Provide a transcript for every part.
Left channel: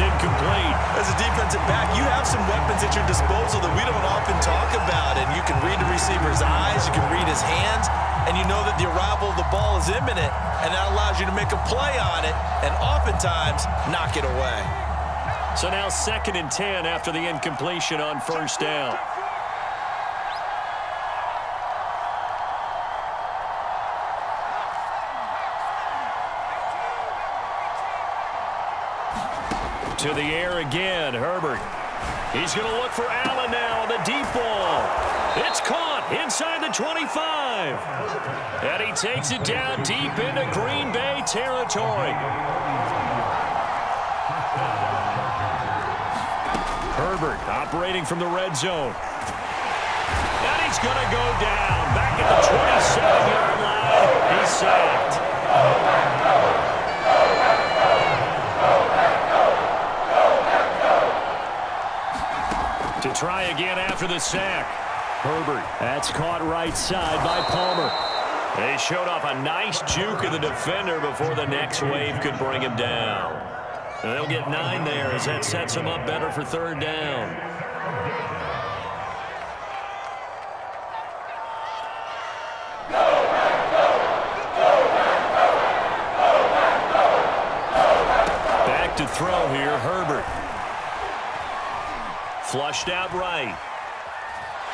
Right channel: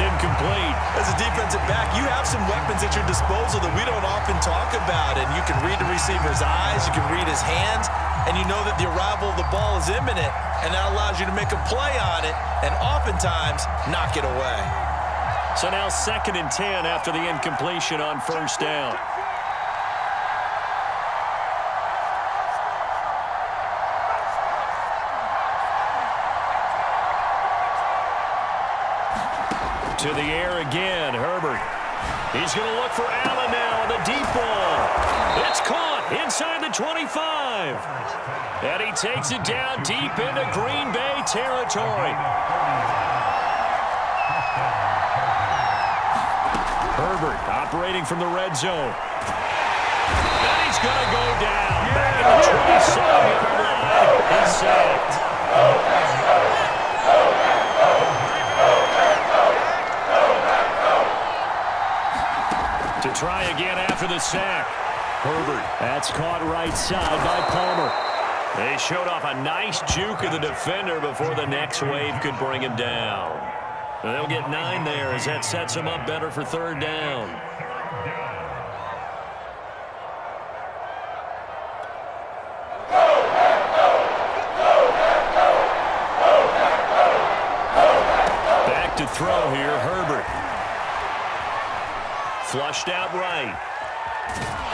incomplete. As a defensive back, you have some weapons at your disposal that we don't often talk about. And you can read the receiver's eyes, you can read his hands, and you know that the arrival of the ball is imminent, and that allows you to make a play on it and oftentimes knock it away. So now 2nd and 10 after the incompletion on 1st down. To the air again, Herbert. He's going to look for Allen now on the deep ball. It's caught inside the 25. And he takes it down deep into Green Bay territory. Herbert operating from the red zone. And he's going to go down. Back at the 27-yard line. He's sacked. To try again after the sack. Herbert. That's caught right side by Palmer. They showed off a nice juke of the defender before the next wave could bring him down. And they'll get 9 there as that sets them up better for 3rd down. Back to throw here, Herbert. Flushed out right.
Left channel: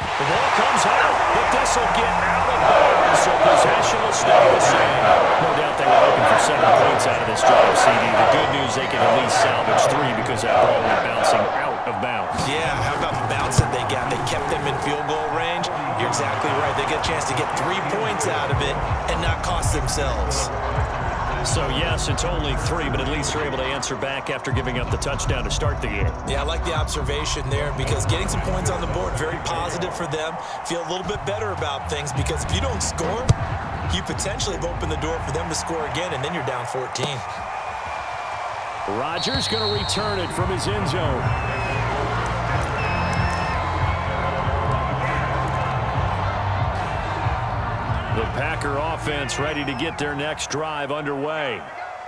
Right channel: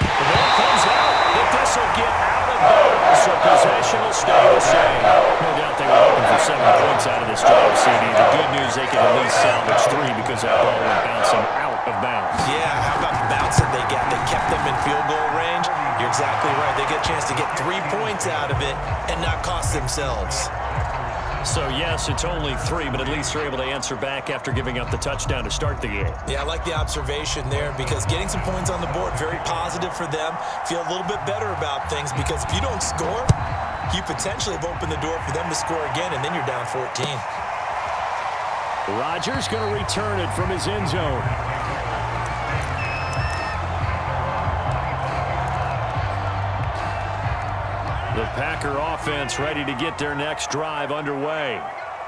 The ball comes out, but this will get out of bounds, so possession will stay the same. No doubt they were hoping for 7 points out of this drive, CD. The good news, they can at least salvage 3 because that ball went bouncing out of bounds. Yeah, how about the bounce that they got? They kept them in field goal range. You're exactly right. They get a chance to get 3 points out of it and not cost themselves. So, yes, it's only 3, but at least they're able to answer back after giving up the touchdown to start the game. Yeah, I like the observation there because getting some points on the board, very positive for them. Feel a little bit better about things because if you don't score, you potentially have opened the door for them to score again, and then you're down 14. Rodgers going to return it from his end zone. The Packer offense ready to get their next drive underway.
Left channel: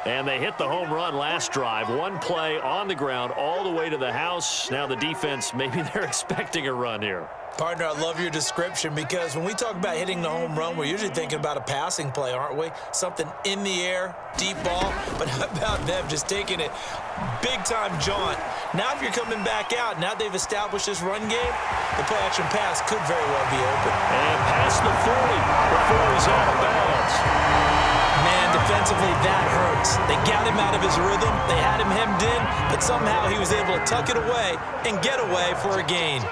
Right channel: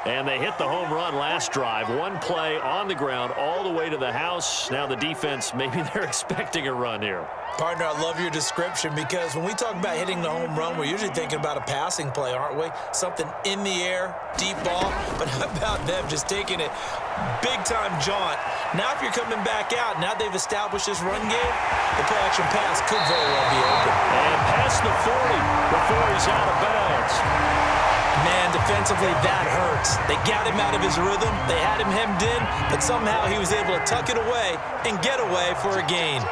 And they hit the home run last drive. 1 play on the ground all the way to the house. Now the defense, maybe they're expecting a run here. Partner, I love your description because when we talk about hitting the home run, we're usually thinking about a passing play, aren't we? Something in the air, deep ball. But how about them just taking it big-time jaunt? Now if you're coming back out, now they've established this run game, the play-action pass could very well be open. And past the 40 before he's out of bounds. Man, defensively, that hurts. They got him out of his rhythm. They had him hemmed in, but somehow he was able to tuck it away and get away for a gain.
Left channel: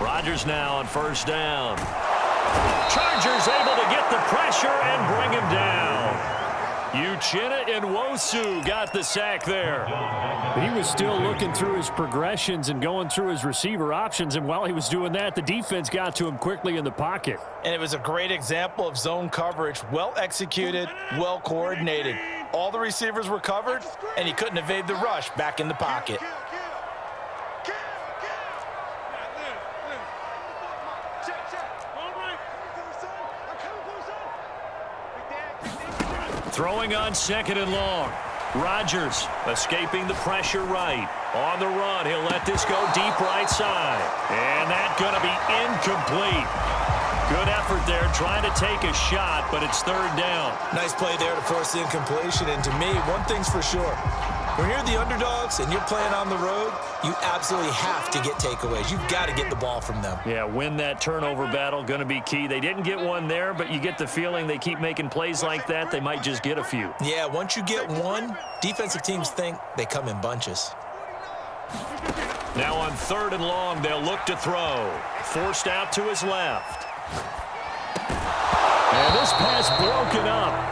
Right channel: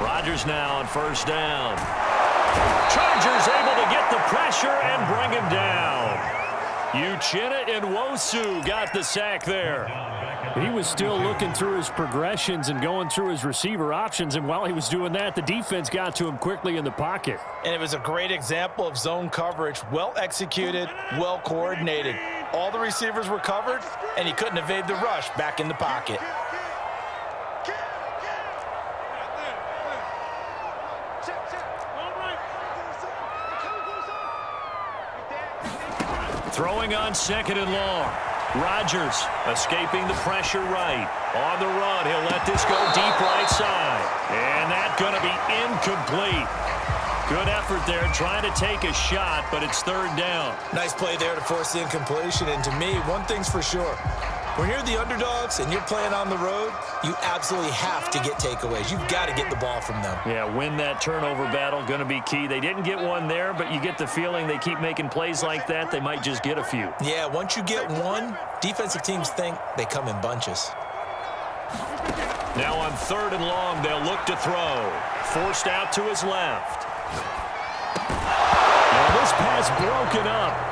Rodgers now on 1st down. Chargers able to get the pressure and bring him down. Uchenna Nwosu got the sack there. He was still looking through his progressions and going through his receiver options, and while he was doing that, the defense got to him quickly in the pocket. And it was a great example of zone coverage. Well executed, well coordinated. All the receivers were covered, and he couldn't evade the rush back in the pocket. Throwing on 2nd and long. Rodgers escaping the pressure right. On the run, he'll let this go deep right side. And that's going to be incomplete. Good effort there trying to take a shot, but it's 3rd down. Nice play there to force the incompletion. And to me, one thing's for sure. When you're the underdogs and you're playing on the road, you absolutely have to get takeaways. You've got to get the ball from them. Yeah, win that turnover battle, going to be key. They didn't get one there, but you get the feeling they keep making plays like that, they might just get a few. Yeah, once you get one, defensive teams think they come in bunches. Now on 3rd and long, they'll look to throw. Forced out to his left. And this pass broken up.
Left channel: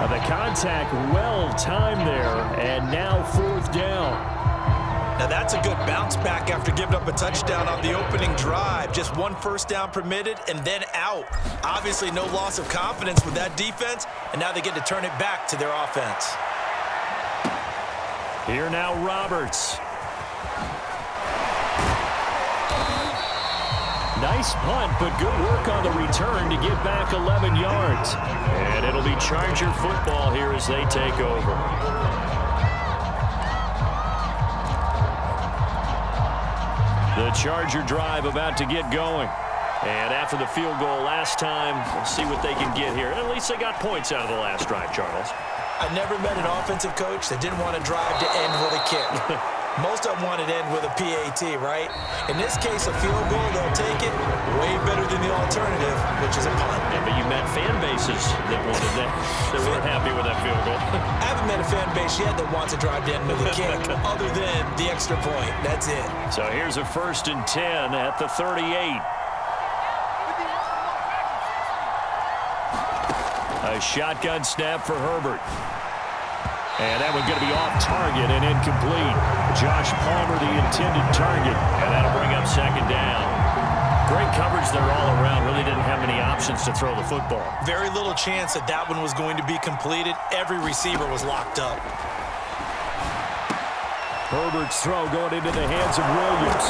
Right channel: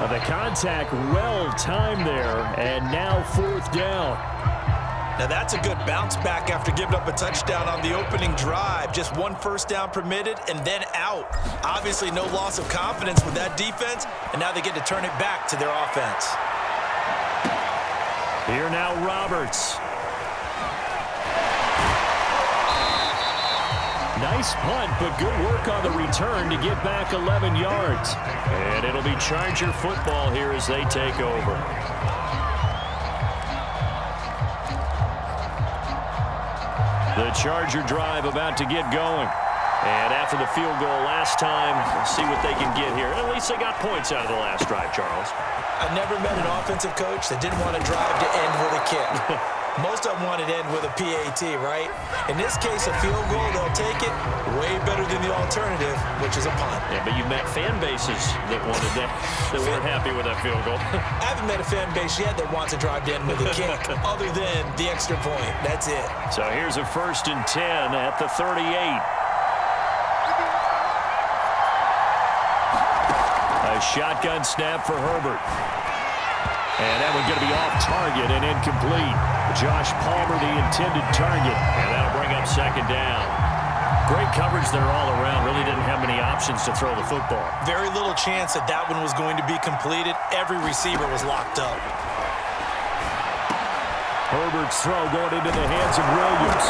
The contact well timed there, and now 4th down. Now that's a good bounce back after giving up a touchdown on the opening drive. Just 1 first down permitted and then out. Obviously no loss of confidence with that defense, and now they get to turn it back to their offense. Here now Roberts. Nice punt, but good work on the return to get back 11 yards. And it'll be Charger football here as they take over. The Charger drive about to get going. And after the field goal last time, we'll see what they can get here. At least they got points out of the last drive, Charles. I never met an offensive coach that didn't want to drive to end with a kick. Most of them wanted to end with a PAT, right? In this case, a field goal, they'll take it way better than the alternative, which is a punt. Yeah, but you've met fan bases that wanted that, that weren't happy with that field goal. I haven't met a fan base yet that wants to drive to end with a kick, other than the extra point. That's it. So here's a 1st and 10 at the 38. A shotgun snap for Herbert. And that one's going to be off target and incomplete. Josh Palmer, the intended target. And that'll bring up 2nd down. Great coverage there all around. Really didn't have many options to throw the football. Very little chance that that one was going to be completed. Every receiver was locked up. Herbert's throw going into the hands of Williams.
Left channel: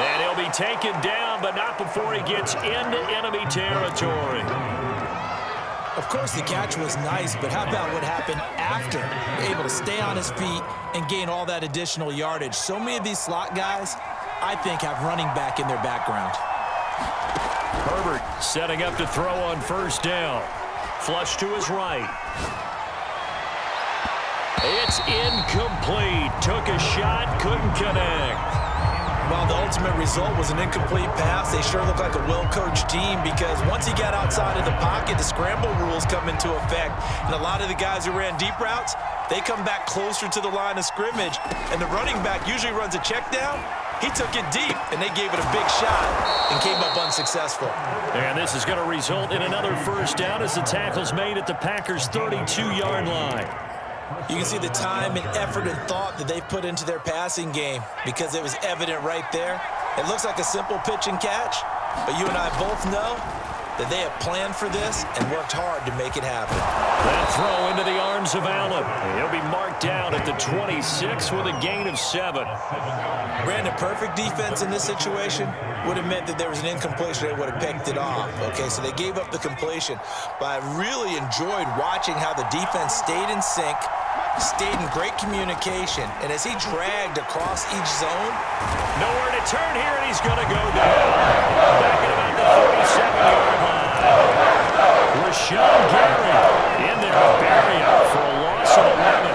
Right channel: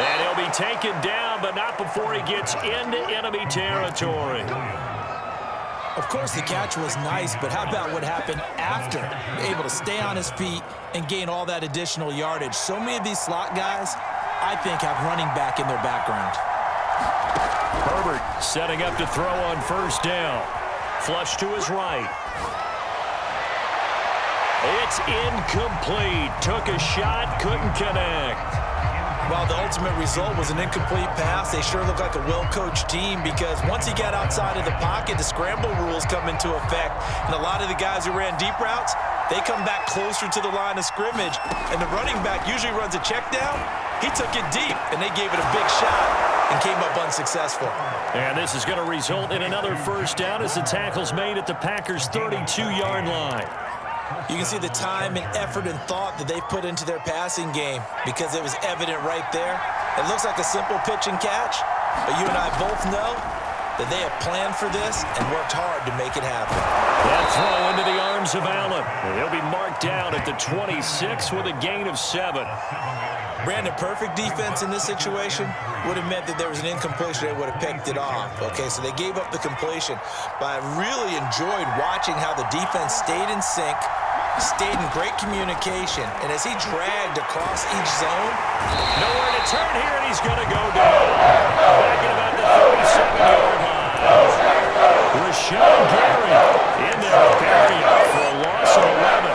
And he'll be taken down, but not before he gets into enemy territory. Of course, the catch was nice, but how about what happened after? Able to stay on his feet and gain all that additional yardage. So many of these slot guys, I think, have running back in their background. Herbert setting up to throw on 1st down. Flush to his right. It's incomplete. Took a shot, couldn't connect. While the ultimate result was an incomplete pass, they sure look like a well-coached team because once he got outside of the pocket, the scramble rules come into effect. And a lot of the guys who ran deep routes, they come back closer to the line of scrimmage. And the running back usually runs a check down. He took it deep, and they gave it a big shot and came up unsuccessful. And this is going to result in another 1st down as the tackle's made at the Packers' 32-yard line. You can see the time and effort and thought that they've put into their passing game because it was evident right there. It looks like a simple pitch and catch, but you and I both know that they have planned for this and worked hard to make it happen. That throw into the arms of Allen. He'll be marked down at the 26 with a gain of 7. Brandon, perfect defense in this situation would have meant that there was an incompletion. They would have picked it off. Okay, so they gave up the completion. But I really enjoyed watching how the defense stayed in sync, stayed in great communication, and as he dragged across each zone. Nowhere to turn here, and he's going to go down. Back at about the 37-yard line. Rashawn Gary in there to bury him for a loss of 11.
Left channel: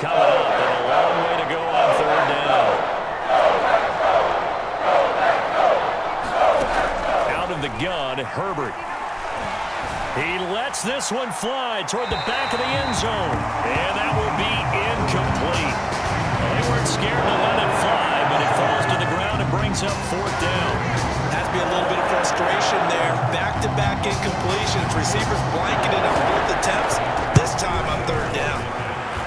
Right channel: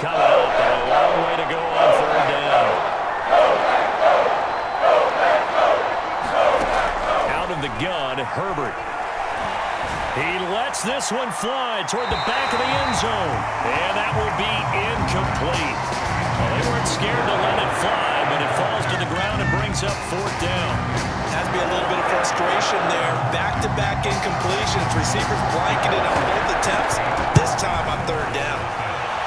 Coming up, and a long way to go on 3rd down. Out of the gun, Herbert. He lets this one fly toward the back of the end zone, and that will be incomplete. Well, they weren't scared to let it fly, but it falls to the ground and brings up 4th down. Has to be a little bit of frustration there. Back-to-back incompletions. Receivers blanketed on both attempts. This time on 3rd down.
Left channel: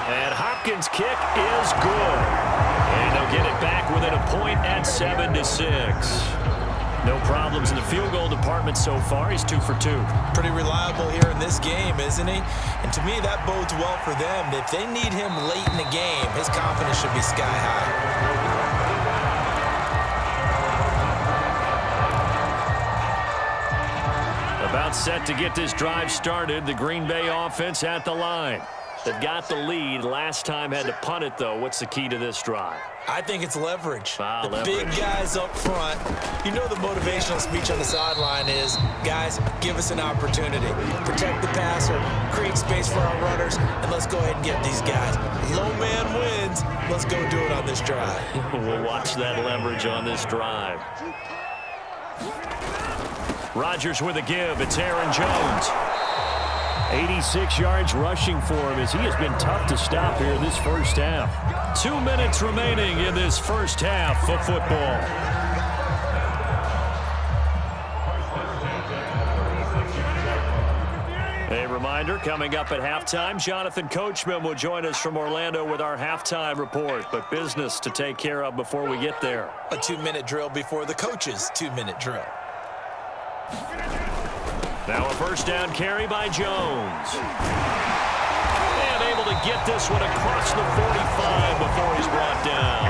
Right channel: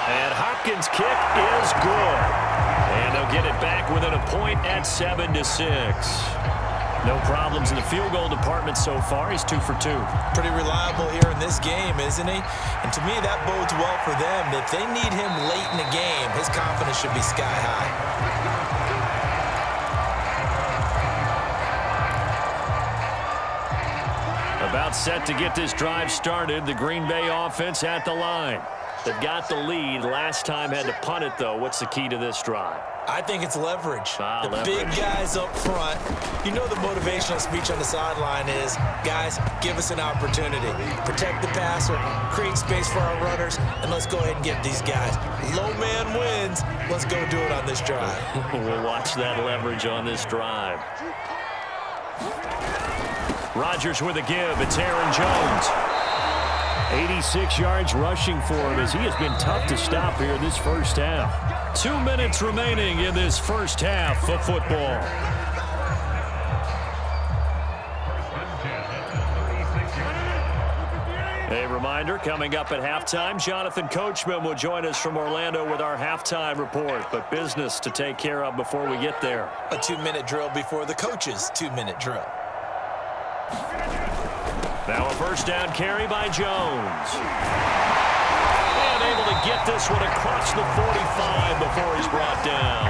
And Hopkins' kick is good. And they'll get it back within a point at 7-6. No problems in the field goal department so far. He's 2 for 2. Pretty reliable here in this game, isn't he? And to me, that bodes well for them. If they need him late in the game, his confidence should be sky high. About set to get this drive started. The Green Bay offense at the line. They've got the lead. Last time had to punt it, though. What's the key to this drive? I think it's leverage. Leverage. Big guys up front. You know the motivational speech on the sideline is, guys, give us an opportunity. Protect the passer, create space for our runners, and let's go ahead and get these guys. Low man wins. Let's go do it on this drive. We'll watch that leverage on this drive. Rodgers with a give. It's Aaron Jones. 86 yards rushing for him as he has been tough to stop here this 1st half. 2 minutes remaining in this 1st half of football. A reminder, coming up at halftime, Jonathan Coachman will join us from Orlando with our halftime report. But business to take care of before we get there. A 2-minute drill before the coach's 2-minute drill. Now a first down carry by Jones. And able to get this one across the 45 before he's brought down.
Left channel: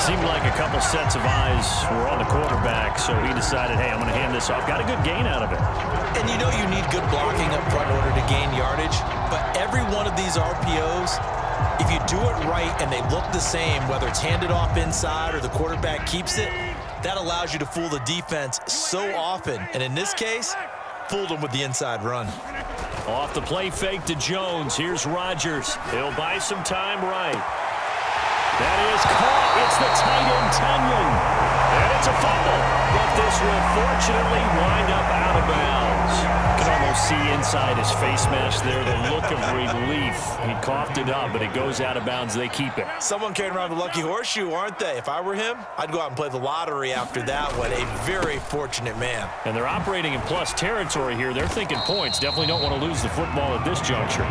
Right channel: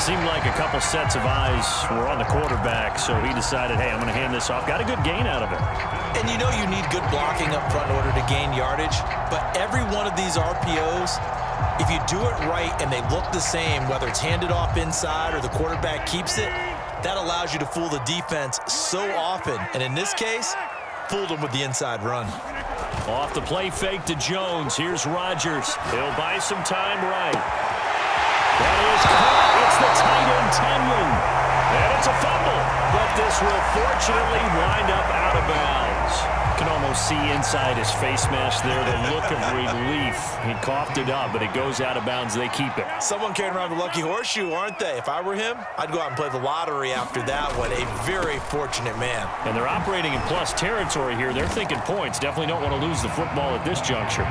Seemed like a couple sets of eyes were on the quarterback, so he decided, hey, I'm going to hand this off. Got a good gain out of it. And you know you need good blocking up front in order to gain yardage, but every one of these RPOs, if you do it right and they look the same, whether it's handed off inside or the quarterback keeps it, that allows you to fool the defense so often. And in this case, fooled them with the inside run. Off the play fake to Jones. Here's Rodgers. He'll buy some time right. That is caught. It's the tight end, Tunyon. And it's a fumble. But this will fortunately wind up out of bounds. You can almost see inside his face mask there the look of relief. He coughed it up, but it goes out of bounds. They keep it. Someone carrying around the lucky horseshoe, aren't they? If I were him, I'd go out and play the lottery after that one. A very fortunate man. And they're operating in plus territory here. They're thinking points. Definitely don't want to lose the football at this juncture.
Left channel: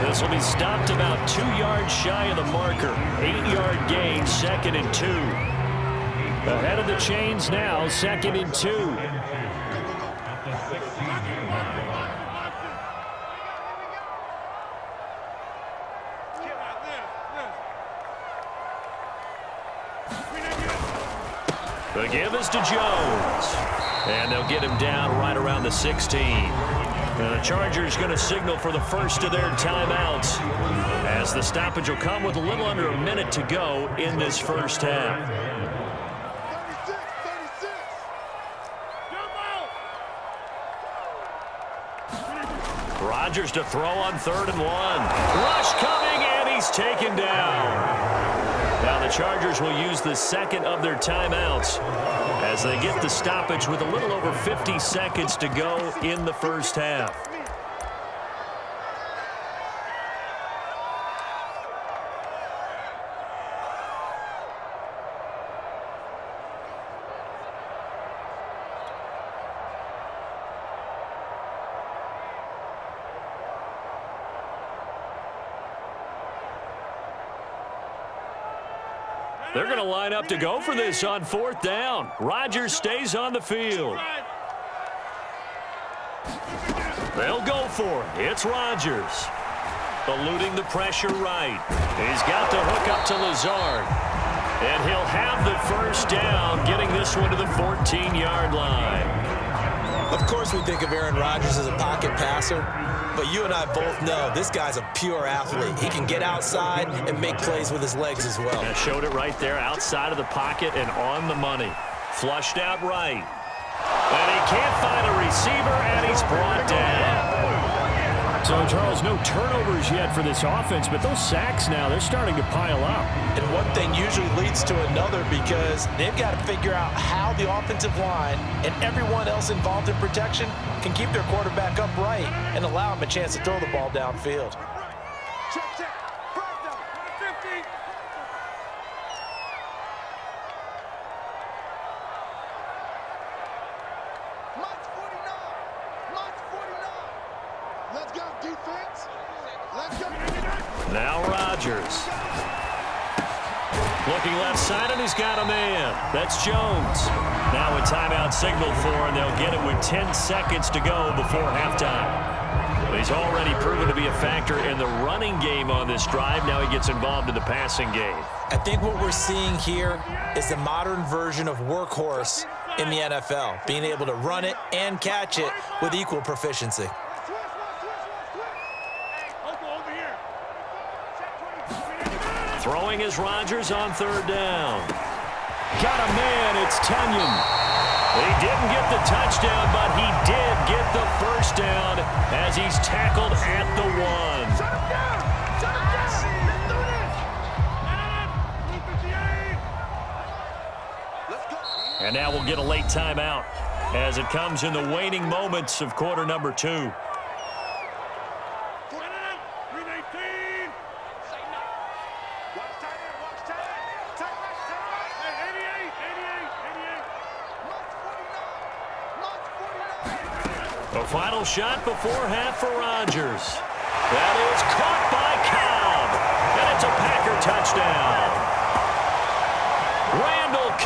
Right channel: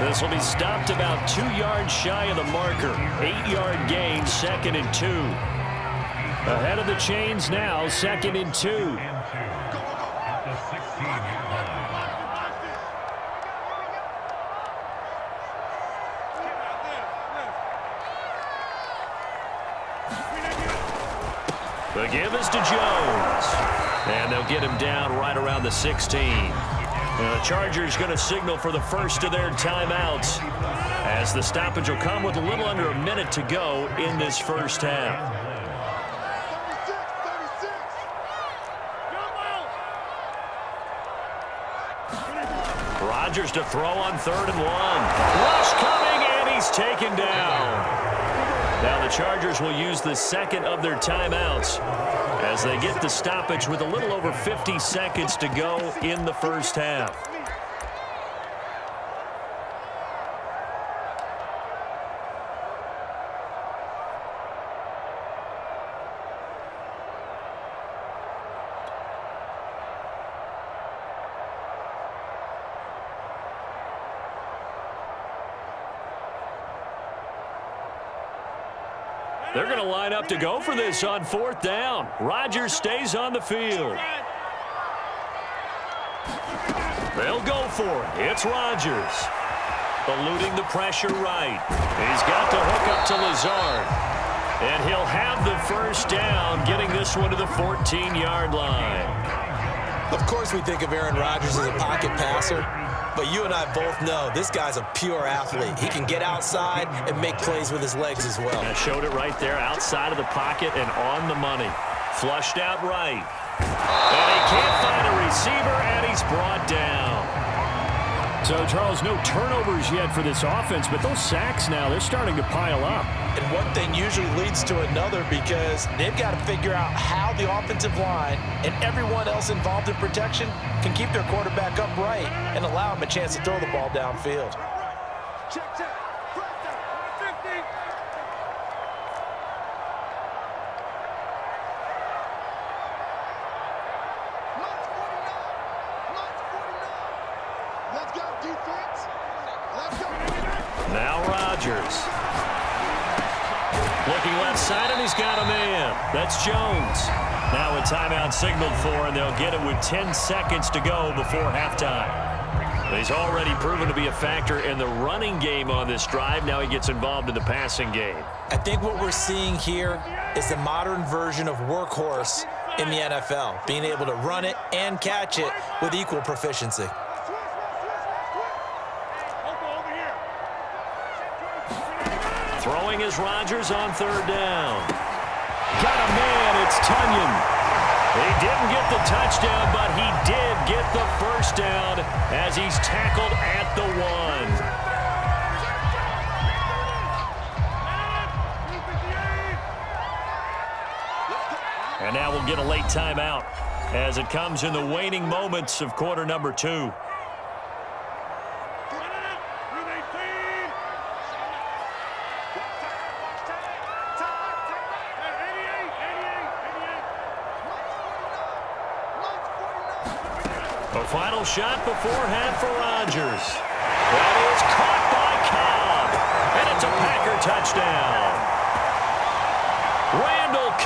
This will be stopped about 2 yards shy of the marker. 8-yard gain, 2nd and 2. Ahead of the chains now, 2nd and 2. The give is to Jones. And they'll get him down right around the 16. And the Chargers going to signal for the first of their timeouts, as the stoppage will come with a little under a minute to go in this first half. 36. Rodgers to throw on 3rd and 1. Rush coming, and he's taken down. Now the Chargers will use the second of their timeouts as they get the stoppage with a little over 50 seconds to go in the first half. They're going to line up to go for this on 4th down. Rodgers stays on the field. They'll go for it. It's Rodgers. Eluding the pressure right. He's got the hook up to Lazard. And he'll have the first down, getting this one to the 14-yard line. Of course we think of Aaron Rodgers as a pocket passer, but you and I both know this guy's a pure athlete. He can get outside and make plays with his legs as well. I showed it right there, outside of the pocket and on the money. Flushed out right. And he can't find a receiver, and he's brought down. So, Charles, no turnovers yet for this offense, but those sacks now, they're starting to pile up. And one thing usually leads to another, because they've got to figure out how the offensive line and everyone else involved in protection can keep their quarterback upright and allow him a chance to throw the ball downfield. Check. First down. 50. Minus 49. Let's go, defense. Let's go. Now Rodgers. Looking left side, and he's got a man. That's Jones. Now a timeout signaled for, and they'll get it with 10 seconds to go before halftime. He's already proven to be a factor in the running game on this drive. Now he gets involved in the passing game. I think what we're seeing here is the modern version of workhorse in the NFL, being able to run it and catch it with equal proficiency. Throwing is Rodgers on 3rd down. Got a man, it's Tunyon. He didn't get the touchdown, but he did get the first down as he's tackled at the 1. And now we'll get a late timeout as it comes in the waning moments of quarter number 2. A final shot before half for Rodgers. That is caught by Cobb. And it's a Packer touchdown. Randall Cobb.